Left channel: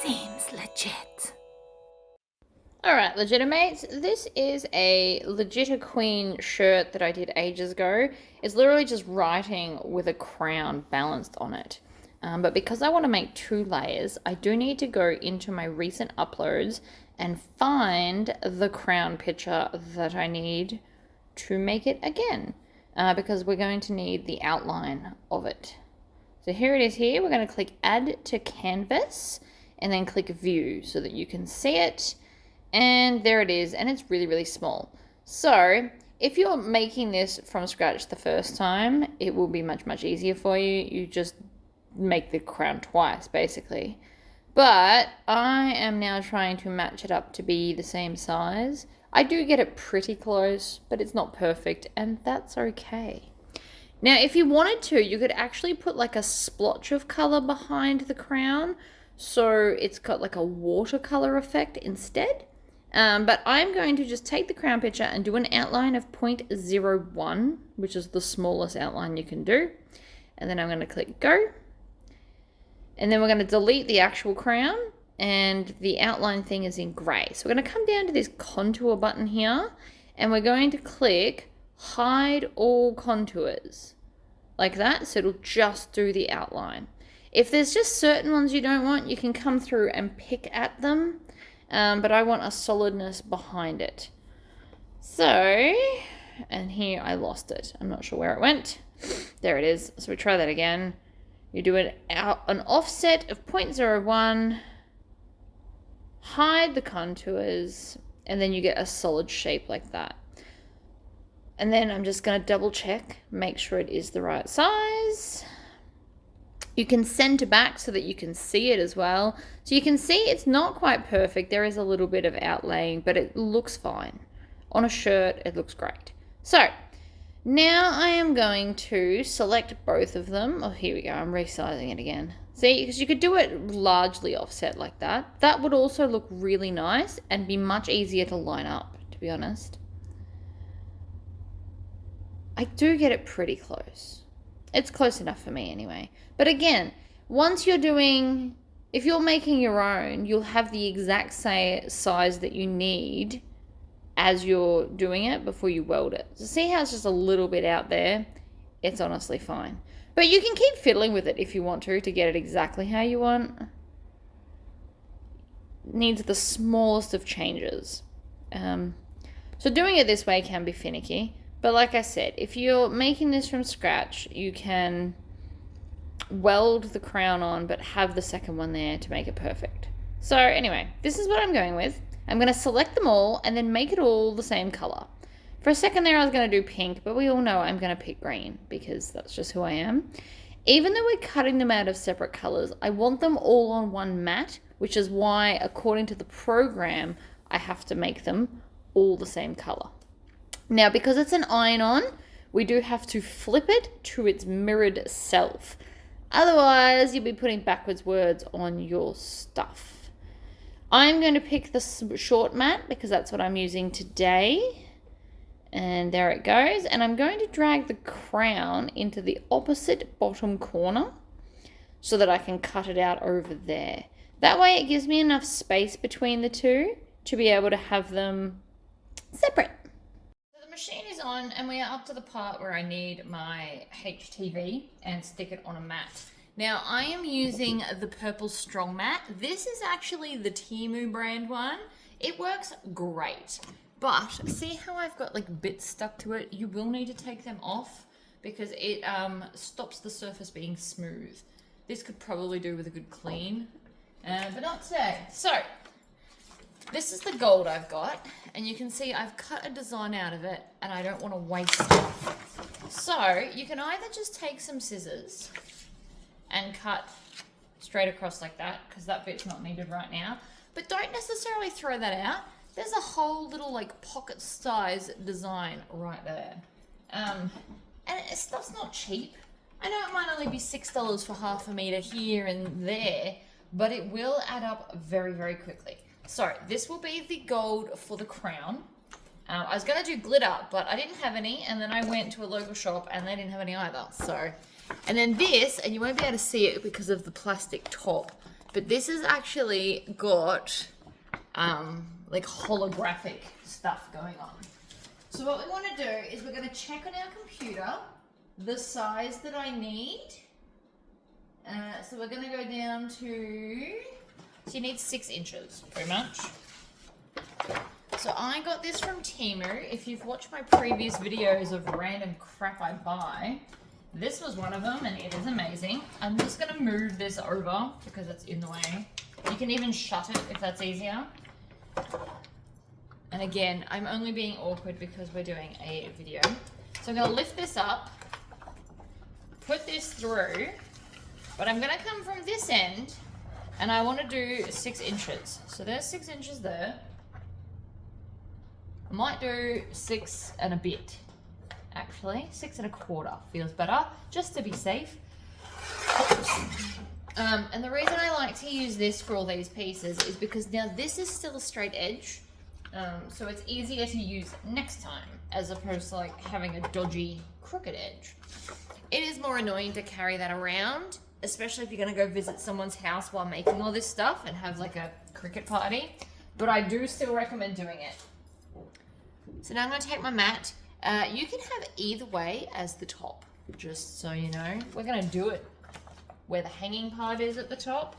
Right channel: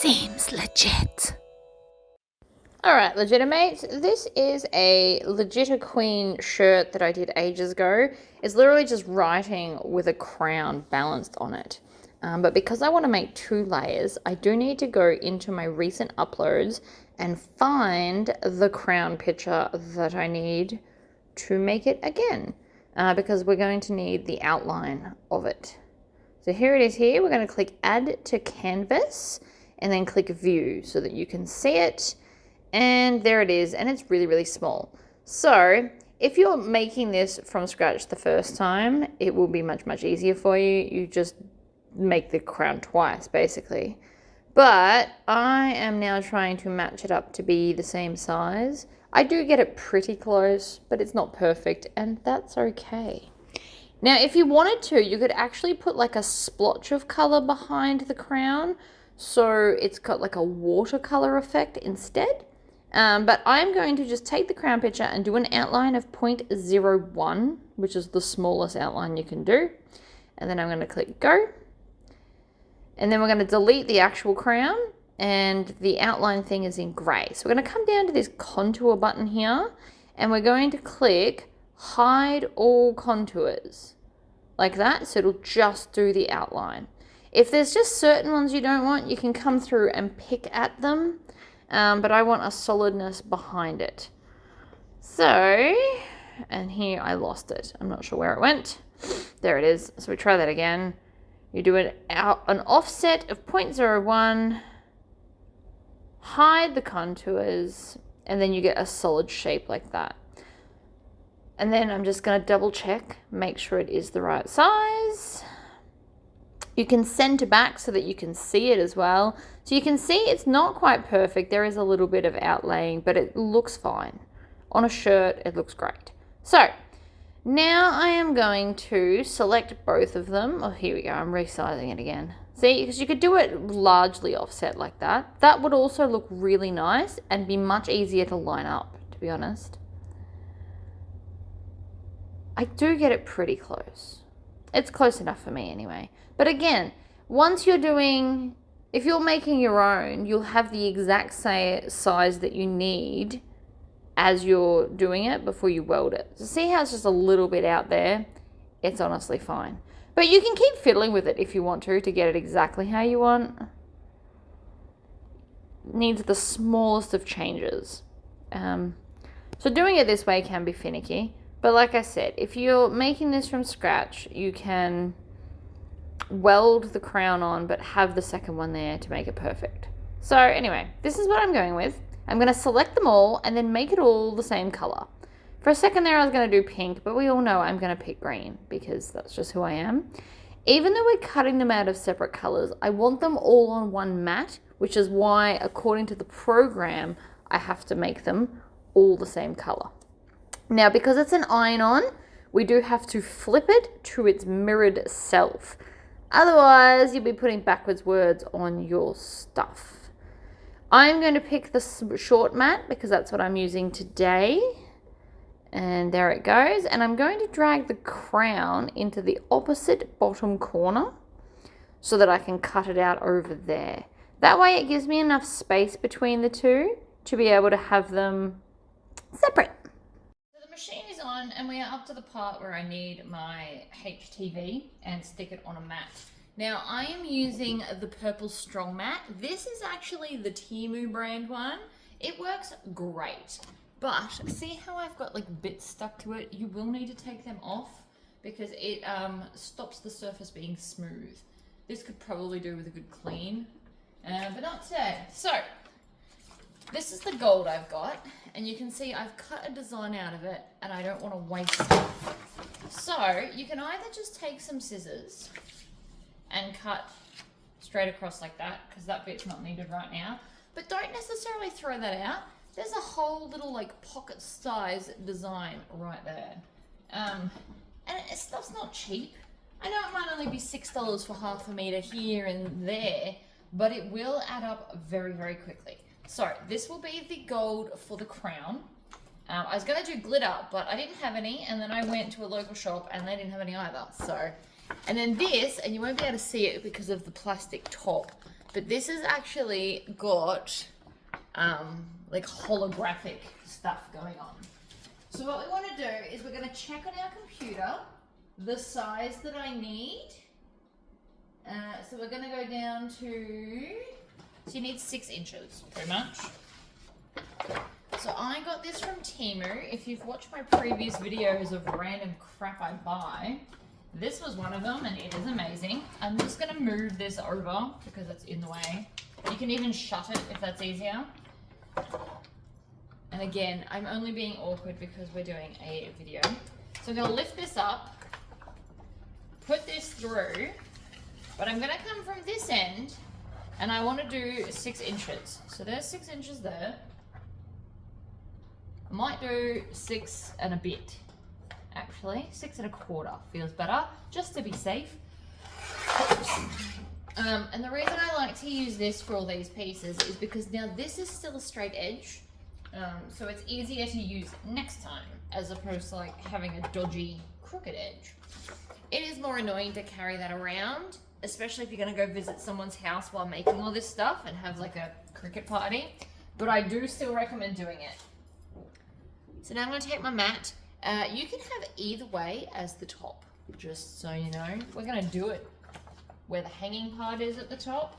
Seems legit. Alright, Legitimates, this is a Legit Queen shirt that I did ages ago. It's literally just writing with a crown balanced on it. But because I want to make 2 layers, I do need to go into my recent uploads and find the crown picture that I need to make it again. Because we're going to need the outline of it. So here it is here. We're going to click Add to Canvas and then click View so that you can see it. And there it is, and it's really, really small. So if you're making this from scratch the first time, it will be much, much easier for you. You just make the crown twice, basically. But I am now trying to match it up to be the same size. I do get it pretty close, but it's not perfect, and that's okay. Now, if you wanted to, you could actually put like a splotch of color behind the crown, so it's got like a watercolor effect instead. But I'm going to just take the crown picture and do an outline of 0.01, which is the smallest outline you can do. And then I'm going to click Go. And then we're going to delete the actual crown, and the outline thing is in grey. So we're going to come down to this contour button here, and we're going to click Hide All Contours, like that, so it'll just do the outline. If there's just certain ones you don't want, you can come through and pick at them. But I want a solidness behind it. So, and here I lost it. I'm not sure where it went. There it is. So we try that again. You do an offset of 0.01, hide the contours, and then you get a solid shape like that. And then I'm just going to double check, make sure it is the right size. You can center back so that you can see it as well. So you can see it's not quite perfect. There is a little bit of outlaying, but it looks fine. On a shirt, it looks great. So now I am going to select both of them. Oh, here we go. I'm resizing it again. See, because you could do it largely offset like that. That would also look really nice and be much easier to line up, to be honest. I do get it pretty close. It's close enough for me anyway. But again, once you're doing, if you're making your own, you'll have the exact same size that you need as you're doing it before you weld it. So see how it's just a little bit out there? It's honestly fine. But you can keep fiddling with it if you want to get it exactly how you want. Needs the smallest of changes. So doing it this way can be finicky. But like I said, if you're making this from scratch, you can weld the crown on, but have the second one there to make it perfect. So anyway, this is what I'm going with. I'm going to select them all and then make it all the same color. For a second there, I was going to do pink, but we all know I'm going to pick green because that's just who I am. Even though we're cutting them out of separate colors, I want them all on one mat, which is why, according to the program, I have to make them all the same color. Now, because it's an iron-on, we do have to flip it to its mirrored self. Otherwise, you'll be putting backwards words on your stuff. I'm going to pick the short mat because that's what I'm using today. And there it goes. And I'm going to drag the crown into the opposite bottom corner so that I can cut it out over there. That way it gives me enough space between the two to be able to have them separate. Machine is on and we are up to the part where I need my HTV and stick it on a mat. Now I am using the purple strong mat. This is actually the Temu brand one. It works great, but see how I've got like bits stuck to it? You will need to take them off because it stops the surface being smooth. This could probably do with a good clean, but not today. So this is the gold I've got, and you can see I've cut a design out of it, and I don't want to waste it. So you can either just take some scissors and cut straight across like that, because that bit's not needed right now, but don't necessarily throw that out. There's a whole little like pocket size design right there. And stuff's not cheap. I know it might only be $6 for half a meter here and there, but it will add up very, very quickly. So this will be the gold for the crown. I was going to do glitter, but I didn't have any, and then I went to a local shop and they didn't have any either. So, and then this, and you won't be able to see it because of the plastic top, But this has actually got like holographic stuff going on. So what we want to do is we're going to check on our computer the size that I need. So we're going to go down to, so you need 6 inches, pretty much. So I got this from Temu. If you've watched my previous videos of random crap I buy, this was one of them and it is amazing. I'm just going to move this over because it's in the way. You can even shut it if that's easier. And again, I'm only being awkward because we're doing a video. So I'm going to lift this up, put this through, but I'm going to come from this end and I want to do 6 inches. So there's 6 inches there. I might do 6 and a bit, actually. 6 1/4 feels better, just to be safe. And the reason I like to use this for all these pieces is because now this is still a straight edge, so it's easier to use next time, as opposed to like having a dodgy crooked edge. It is more annoying to carry that around, especially if you're going to go visit someone's house while making all this stuff and have like a cricket party, but I do still recommend doing it. So now I'm going to take my mat. You can have either way as the top, just so you know. We're going to do it where the hanging part is at the top.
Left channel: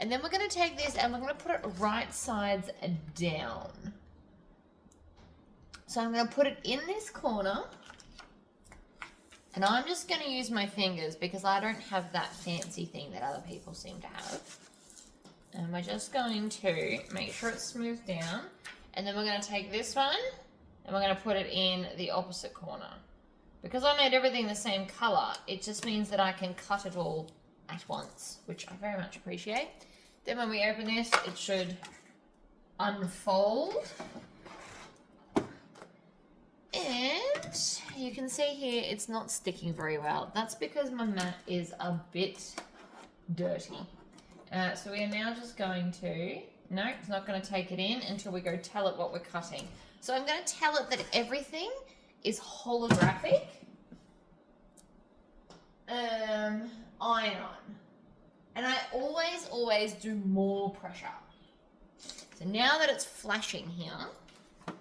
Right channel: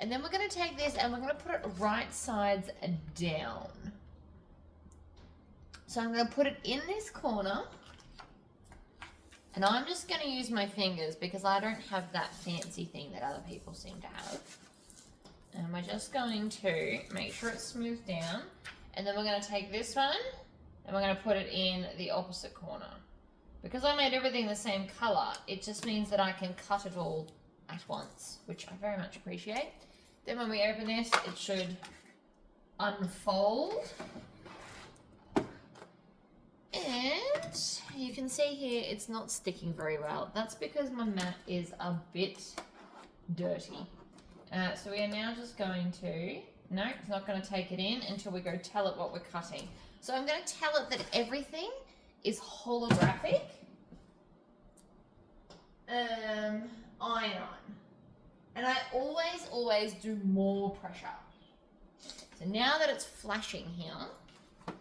And then we're going to take this and we're going to put it right sides down. So I'm going to put it in this corner. And I'm just going to use my fingers because I don't have that fancy thing that other people seem to have. And we're just going to make sure it's smoothed down. And then we're going to take this one and we're going to put it in the opposite corner. Because I made everything the same color, it just means that I can cut it all at once, which I very much appreciate. Then when we open this, it should unfold. And you can see here, it's not sticking very well. That's because my mat is a bit dirty. So we are now just going to, no, it's not going to take it in until we go tell it what we're cutting. So I'm going to tell it that everything is holographic iron. And I always do more pressure. So now that it's flashing here,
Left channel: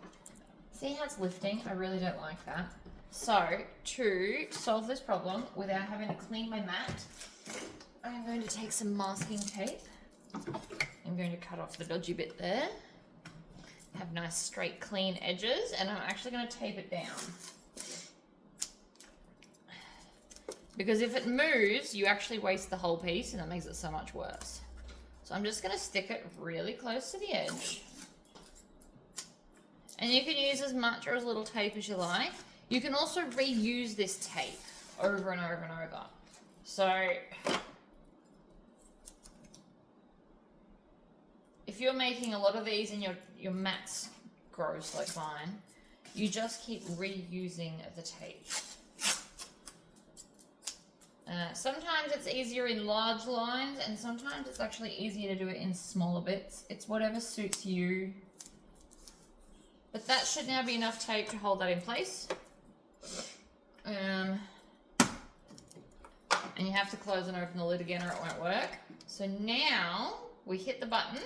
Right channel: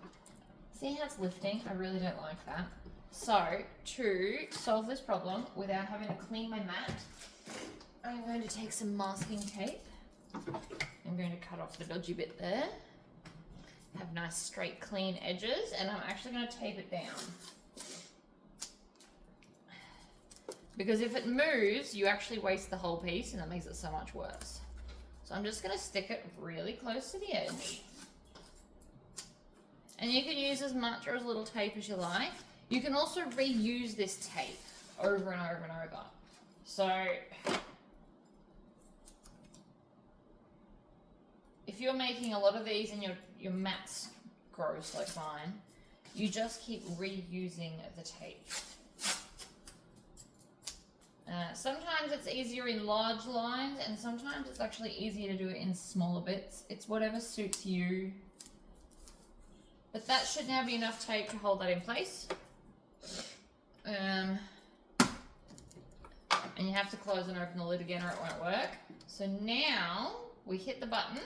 see how it's lifting? I really don't like that. So to solve this problem without having to clean my mat, I'm going to take some masking tape. I'm going to cut off the dodgy bit there. Have nice straight clean edges, and I'm actually going to tape it down. Because if it moves, you actually waste the whole piece and that makes it so much worse. So I'm just going to stick it really close to the edge. And you can use as much or as little tape as you like. You can also reuse this tape over and over and over. So if you're making a lot of these and your mats gross like mine, you just keep reusing the tape. Sometimes it's easier in large lines and sometimes it's actually easier to do it in smaller bits. It's whatever suits you. But that should now be enough tape to hold that in place. And you have to close and open the lid again or it won't work. So now we hit the button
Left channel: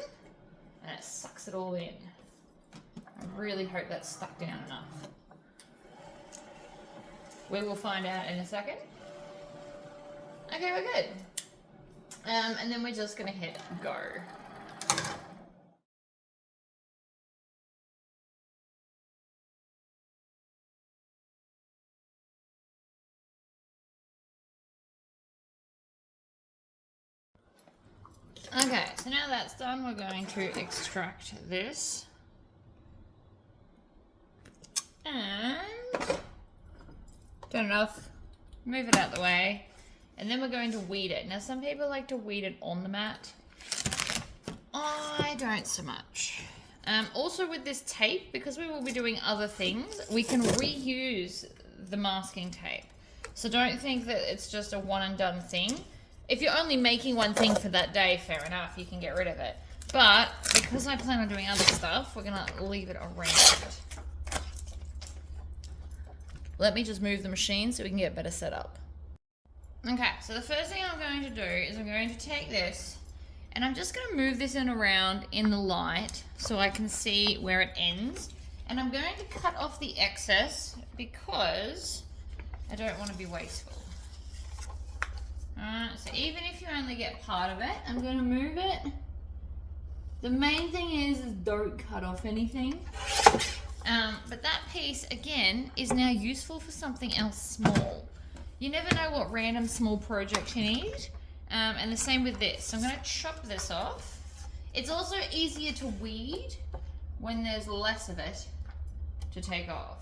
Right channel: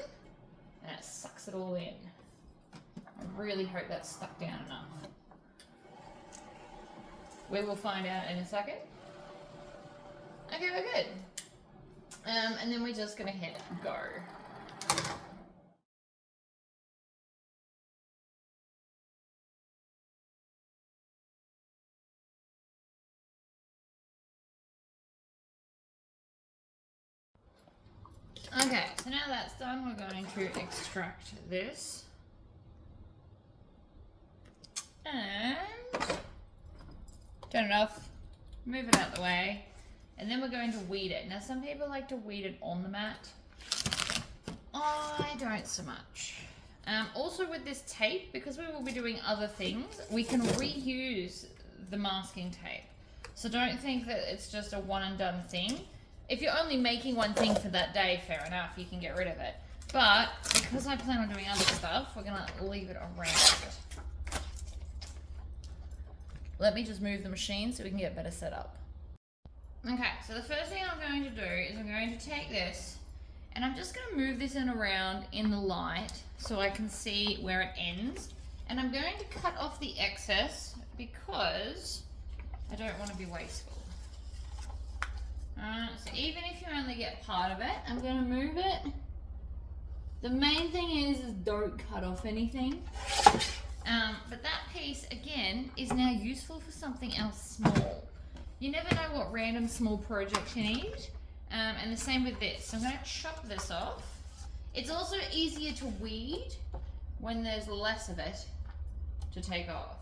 and it sucks it all in. I really hope that's stuck down enough. We will find out in a second. Okay, we're good. And then we're just gonna hit go. Okay, so now that's done, we're going to extract this. And turn it off, move it out of the way, and then we're going to weed it. Now some people like to weed it on the mat. I don't so much. Also with this tape, because we will be doing other things, we can reuse the masking tape. So don't think that it's just a one and done thing. If you're only making one thing for that day, fair enough, you can get rid of it. But because I plan on doing other stuff, we're gonna leave it around. Let me just move the machine so we can get a better setup. Okay, so the first thing I'm going to do is I'm going to take this And I'm just going to move this in around in the light so I can see where it ends. And I'm going to cut off the excess because I don't want to be wasteful. So even if you only get part of it, I'm going to move it. The main thing is don't cut off anything. But that piece, again, is now useful for something else small. You never know what random small project you need. And the same with this. So I'm going to chop this off. It's also easier to weed when there's less of it to take off.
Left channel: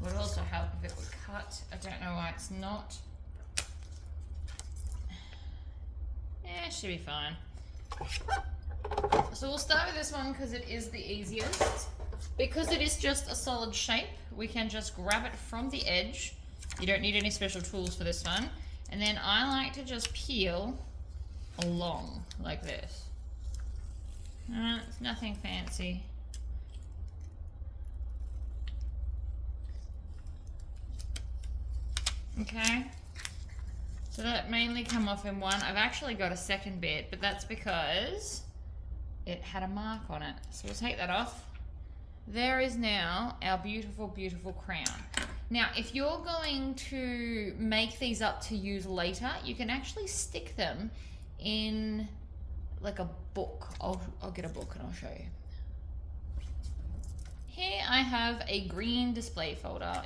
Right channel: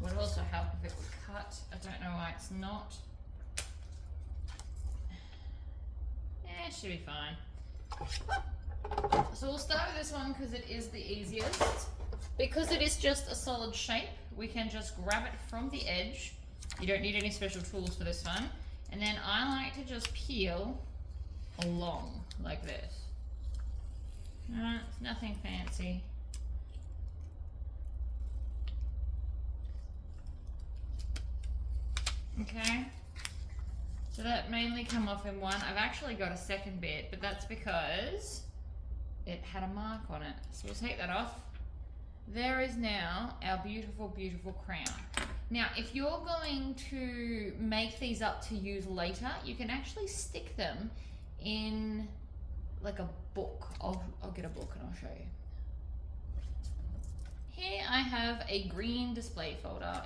Would also help if it would cut. I don't know why it's not. Yeah, it should be fine. So we'll start with this one because it is the easiest. Because it is just a solid shape, we can just grab it from the edge. You don't need any special tools for this one. And then I like to just peel along like this. It's nothing fancy. Okay. So that mainly come off in one. I've actually got a second bit, but that's because it had a mark on it. So we'll take that off. There is now our beautiful, beautiful crown. Now, if you're going to make these up to use later, you can actually stick them in like a book. I'll get a book and I'll show you. Here I have a green display folder.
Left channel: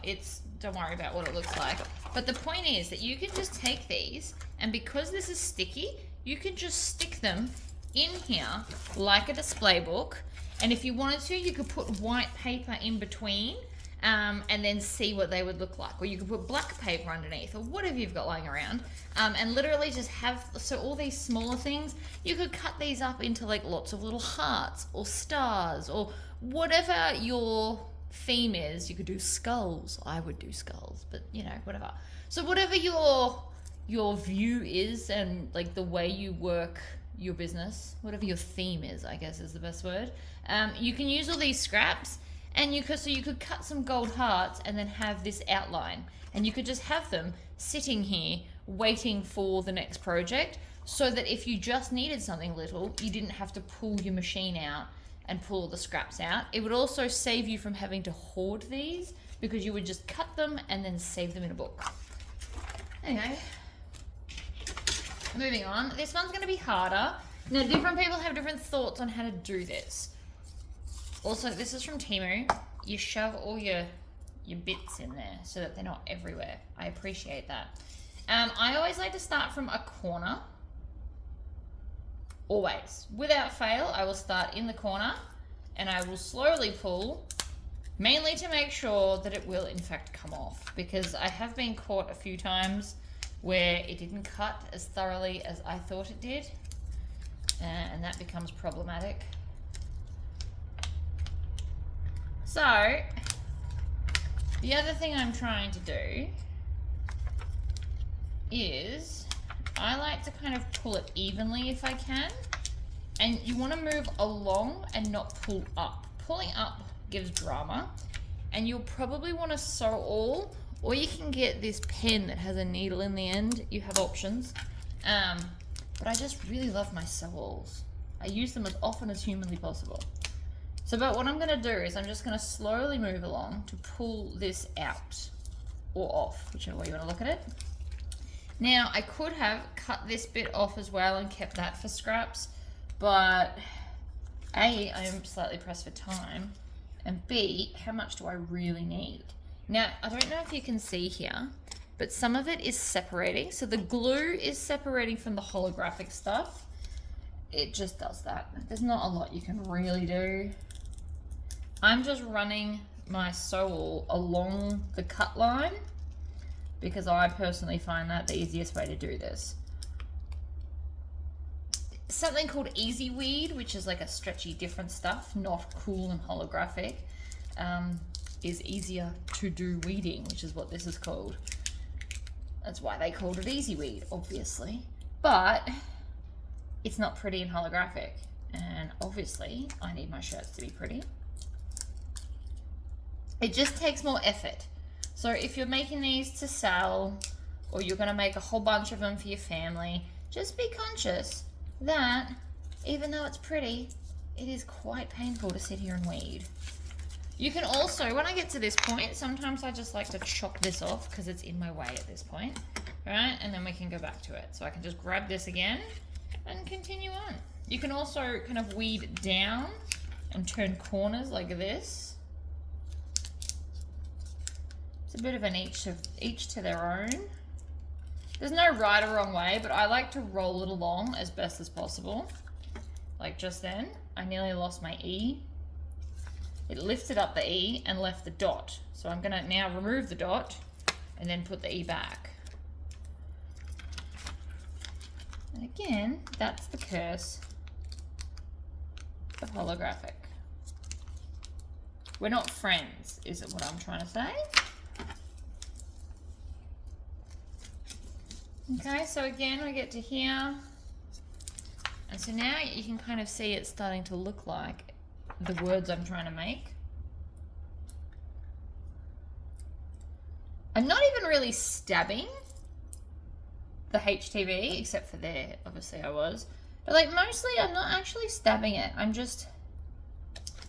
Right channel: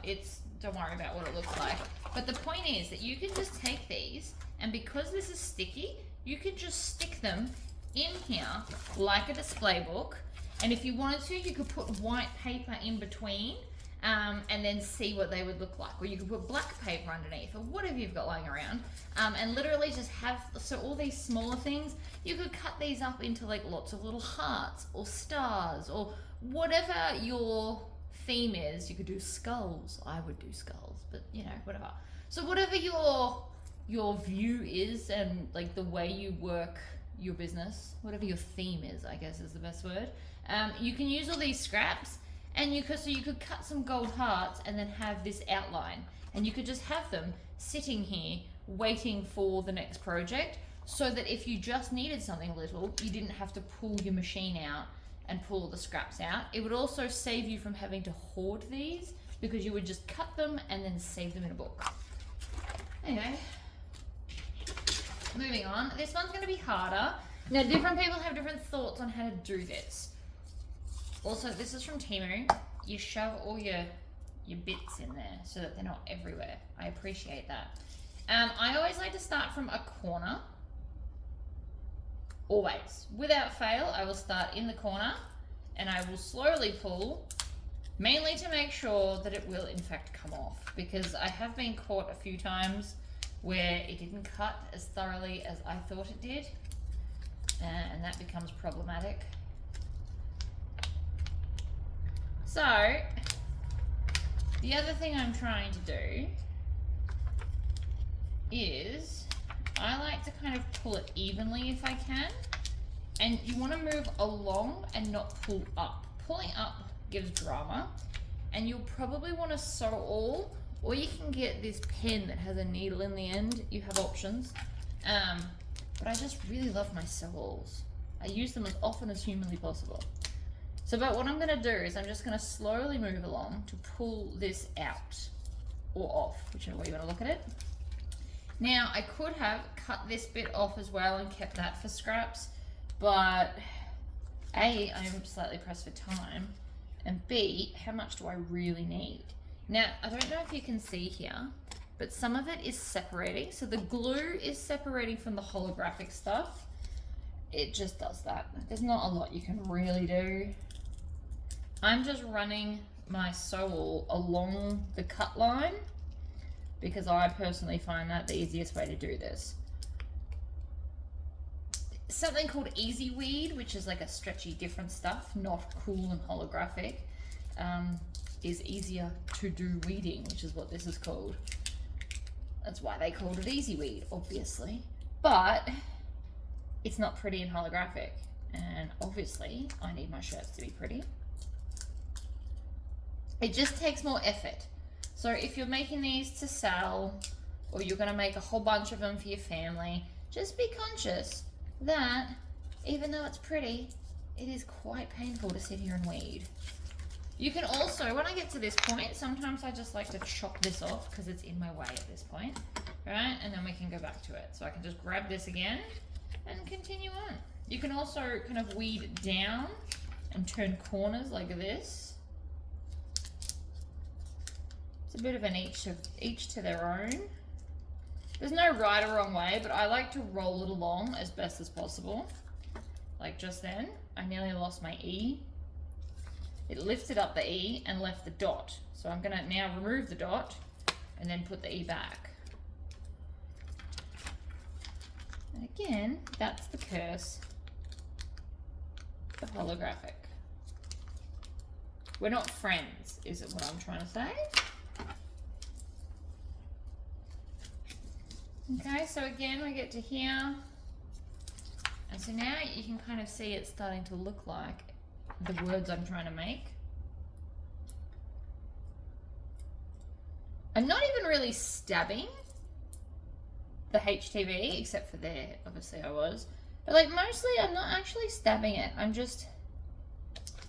Don't worry about what it looks like. But the point is that you can just take these, and because this is sticky, you can just stick them in here like a display book. And if you wanted to, you could put white paper in between and then see what they would look like. Or you could put black paper underneath or whatever you've got lying around. And literally just have, so all these smaller things, you could cut these up into like lots of little hearts or stars or whatever your theme is. You could do skulls. I would do skulls, but you know, whatever. So whatever your view is and like the way you work your business, whatever your theme is, I guess is the best word. You can use all these scraps, and you could cut some gold hearts and then have this outline, and you could just have them sitting here waiting for the next project, so that if you just needed something little, you didn't have to pull your machine out and pull all the scraps out. It would also save you from having to hoard these, because you would just cut them and then save them in a book. Anyway, moving on. This one's going to be harder. Now, different people have different thoughts on how to do this. Also, this is from Temu. You shove all your bits in there so that they're not everywhere. I appreciate that. I always like to start from a corner. Always. Without fail, I will start in the corner and I will slowly pull, mainly to make sure that it will in fact come off, because I have been caught a few times where it didn't cut as thoroughly as I thought it did, and that becomes problematic. So, the other thing I'm trying to do is I like to kind of pull it evenly if I can, and you want to move along and not pull up. Pulling up gives drama, and you'll probably want to sew all, or you can get this pen that has a needle in the end. You have options, but I just really love my sew-alls. I use them as often as humanly possible. So, but what I'm going to do is I'm just going to slowly move along to pull this out, or off, whichever way you want to look at it. Now, I could have cut this bit off as well and kept that for scraps, but A, I am slightly pressed for time, and B, how much do I really need? Now, I don't know if you can see here, but some of it is separating. So the glue is separating from the holographic stuff. It just does that. There's not a lot you can really do. I'm just running my sew-all along the cut line, because I personally find that the easiest way to do this. Something called Easy Weed, which is like a stretchy different stuff, not cool and holographic, is easier to do weeding, which is what this is called. That's why they called it Easy Weed, obviously. But it's not pretty and holographic, and obviously I need my shirts to be pretty. It just takes more effort. So if you're making these to sell, or you're going to make a whole bunch of them for your family, just be conscious that even though it's pretty, it is quite painful to sit here and weed. You can also, when I get to this point, sometimes I just like to chop this off because it's in my way at this point, right? And then we can go back to it. So I can just grab this again and continue on. You can also kind of weed down and turn corners like this. It's a bit of an each to their own. There's no right or wrong way, but I like to roll it along as best as possible. Like just then, I nearly lost my E. It lifted up the E and left the dot. So I'm gonna now remove the dot and then put the E back. And again, that's the curse, the holographic. We're not friends, is it what I'm trying to say? Okay, so again, I get to here. And so now you can kind of see it starting to look like the words I'm trying to make. I'm not even really stabbing the HTV, except for there, obviously I was. But like mostly I'm not actually stabbing it. I'm just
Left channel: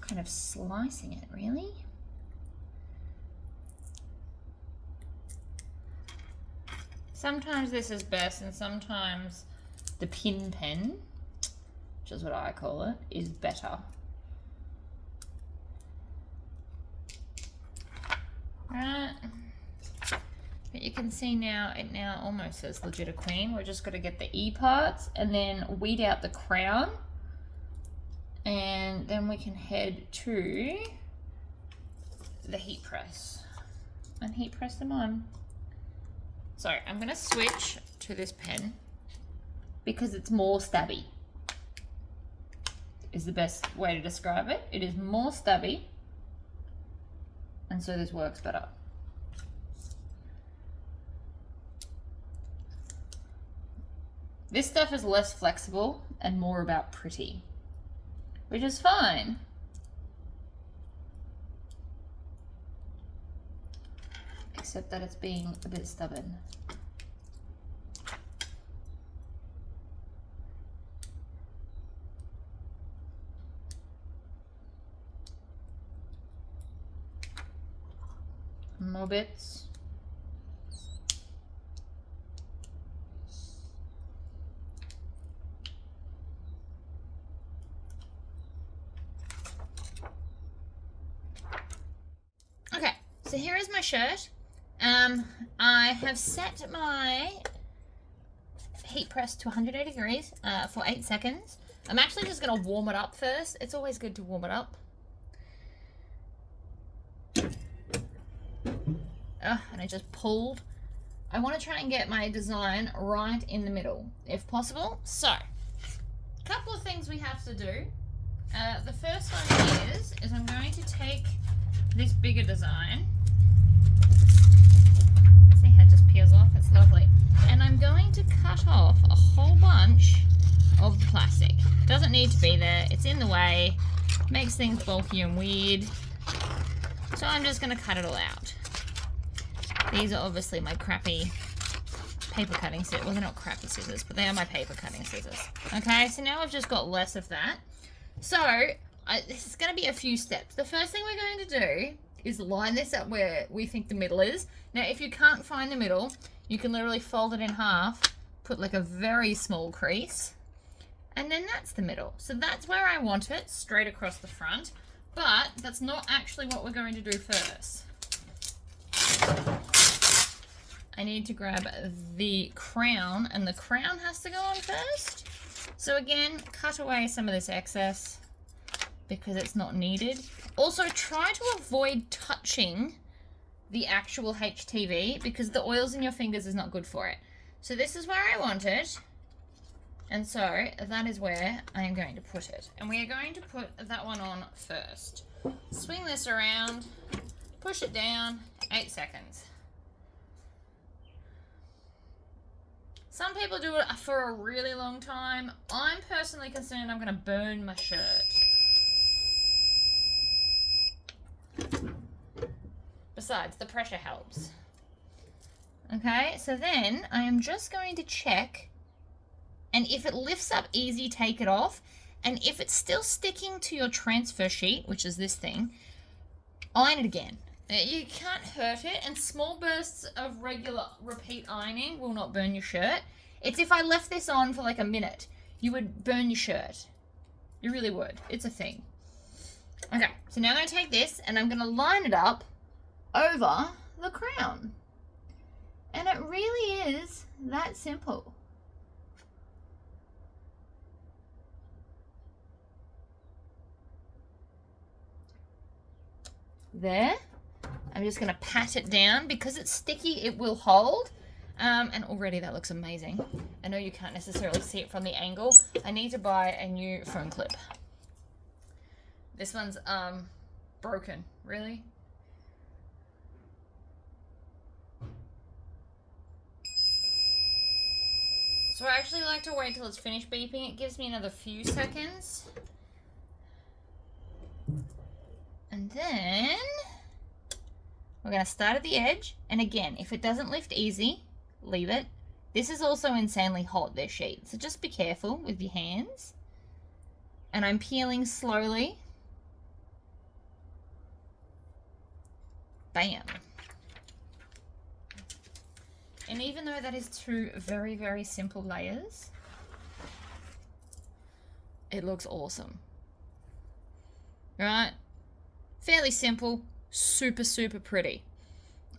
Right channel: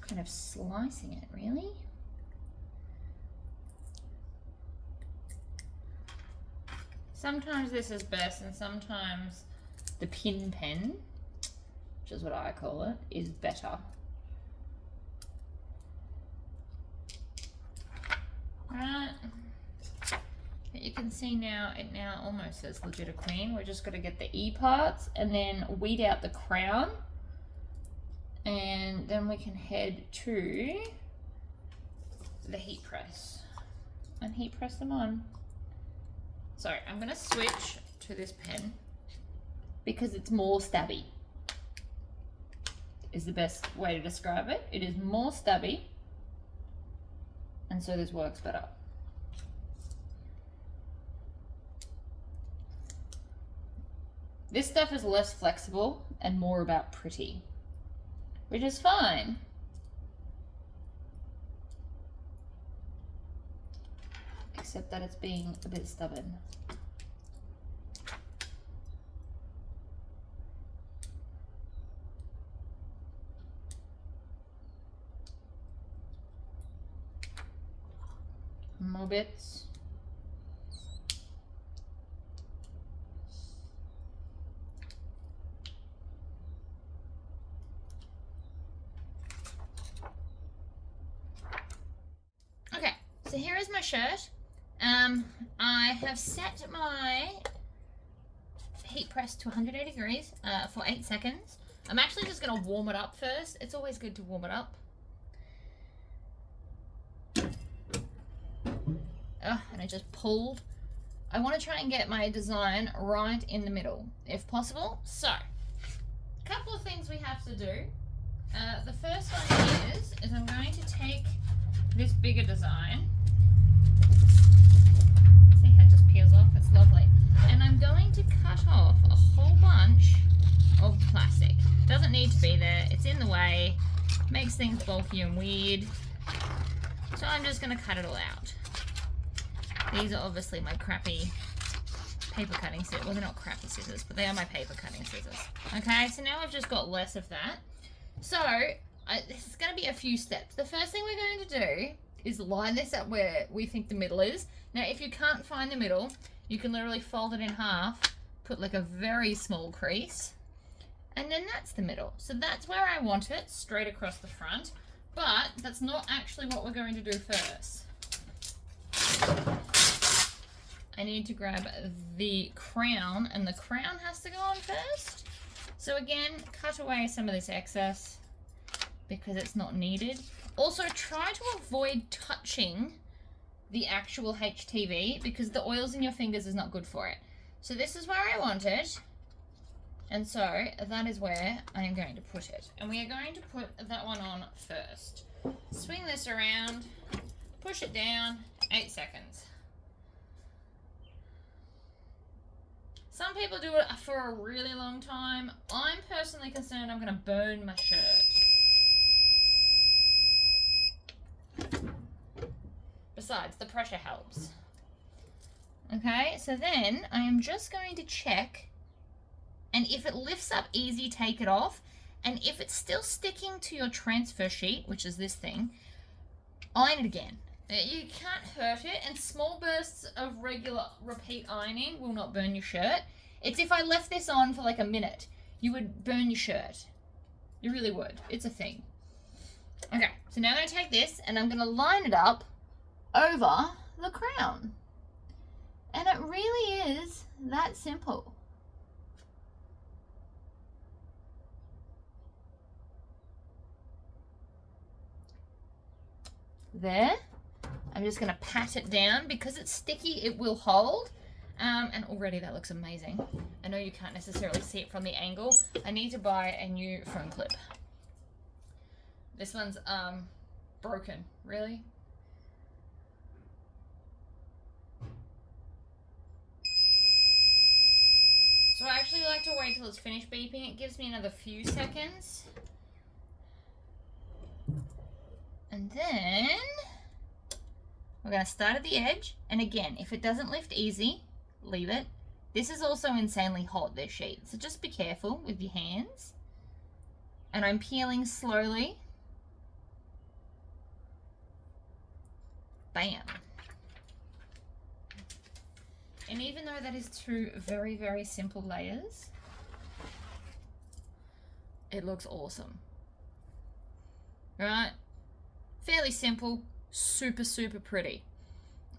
kind of slicing it, really. Sometimes this is best and sometimes the pin pen, which is what I call it, is better. Right. But you can see now, it now almost says Legit a Queen. We're just got to get the E parts and then weed out the crown. And then we can head to the heat press and heat press them on. So I'm going to switch to this pen because it's more stabby, is the best way to describe it. It is more stabby, and so this works better. This stuff is less flexible and more about pretty, which is fine. Except that it's being a bit stubborn. More bits. Okay, so here is my shirt. I have set my heat press to 180 degrees for 8 seconds. I'm actually just going to warm it up first. It's always good to warm it up. And I just pulled. I want to try and get my design right in the middle, if possible. So, a couple of things we have to do. The first one is I'm going to take this bigger design. See how it just peels off? It's lovely. And I'm going to cut off a whole bunch of the plastic. Doesn't need to be there. It's in the way. Makes things bulky and weird. So I'm just going to cut it all out. These are obviously my crappy paper cutting scissors. Well, they're not crappy scissors, but they are my paper cutting scissors. Okay, so now I've just got less of that. So, this is going to be a few steps. The first thing we're going to do is line this up where we think the middle is. Now, if you can't find the middle, you can literally fold it in half, put like a very small crease, and then that's the middle. So that's where I want it, straight across the front, but that's not actually what we're going to do first. I need to grab the crown, and the crown has to go on first. So again, cut away some of this excess because it's not needed. Also, try to avoid touching the actual HTV because the oils in your fingers is not good for it. So this is where I want it, and so that is where I am going to put it. And we are going to put that one on first. Swing this around, push it down, 8 seconds. Some people do it for a really long time. I'm personally concerned I'm going to burn my shirt. Besides, the pressure helps. Okay, so then I am just going to check, and if it lifts up easy, take it off. And if it's still sticking to your transfer sheet, which is this thing, iron it again. You can't hurt it, and small bursts of regular repeat ironing will not burn your shirt. It's if I left this on for like a minute, you would burn your shirt. You really would. It's a thing. Okay, so now I'm going to take this and I'm going to line it up over the crown. And it really is that simple. There. I'm just going to pat it down. Because it's sticky, it will hold. And already that looks amazing. I know you can't necessarily see it from the angle. I need to buy a new phone clip. This one's broken. Really? So I actually like to wait till it's finished beeping. It gives me another few seconds. And then we're going to start at the edge. And again, if it doesn't lift easy, leave it. This is also insanely hot, this sheet. So just be careful with your hands. And I'm peeling slowly. Bam. And even though that is two very, very simple layers, it looks awesome. Right? Fairly simple, super, super pretty.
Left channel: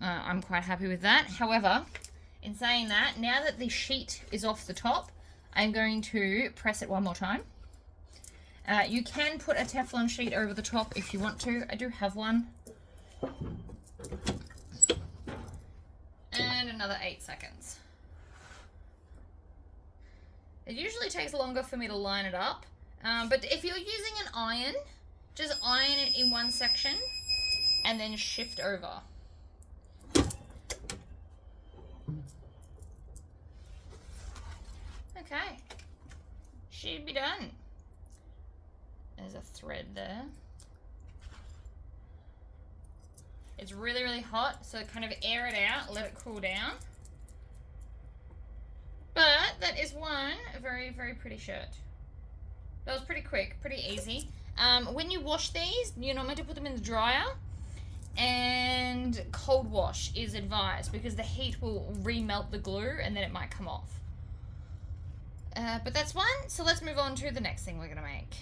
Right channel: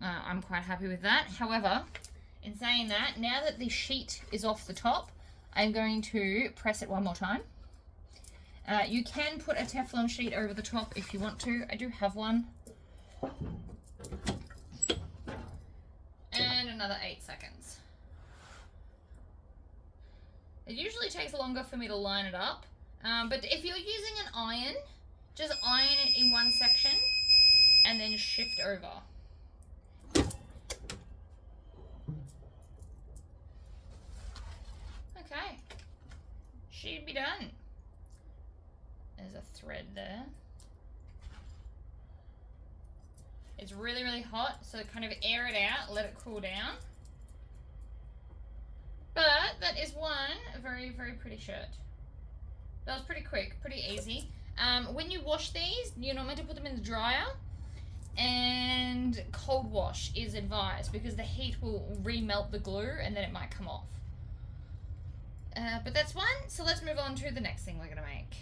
I'm quite happy with that. However, in saying that, now that the sheet is off the top, I'm going to press it one more time. You can put a Teflon sheet over the top if you want to. I do have one. And another 8 seconds. It usually takes longer for me to line it up, but if you're using an iron, just iron it in one section and then shift over. Okay, should be done. There's a thread there. It's really, really hot, so kind of air it out, let it cool down. But that is one very, very pretty shirt. That was pretty quick, pretty easy. When you wash these, you're not meant to put them in the dryer, and cold wash is advised because the heat will remelt the glue and then it might come off. But that's one, so let's move on to the next thing we're gonna make.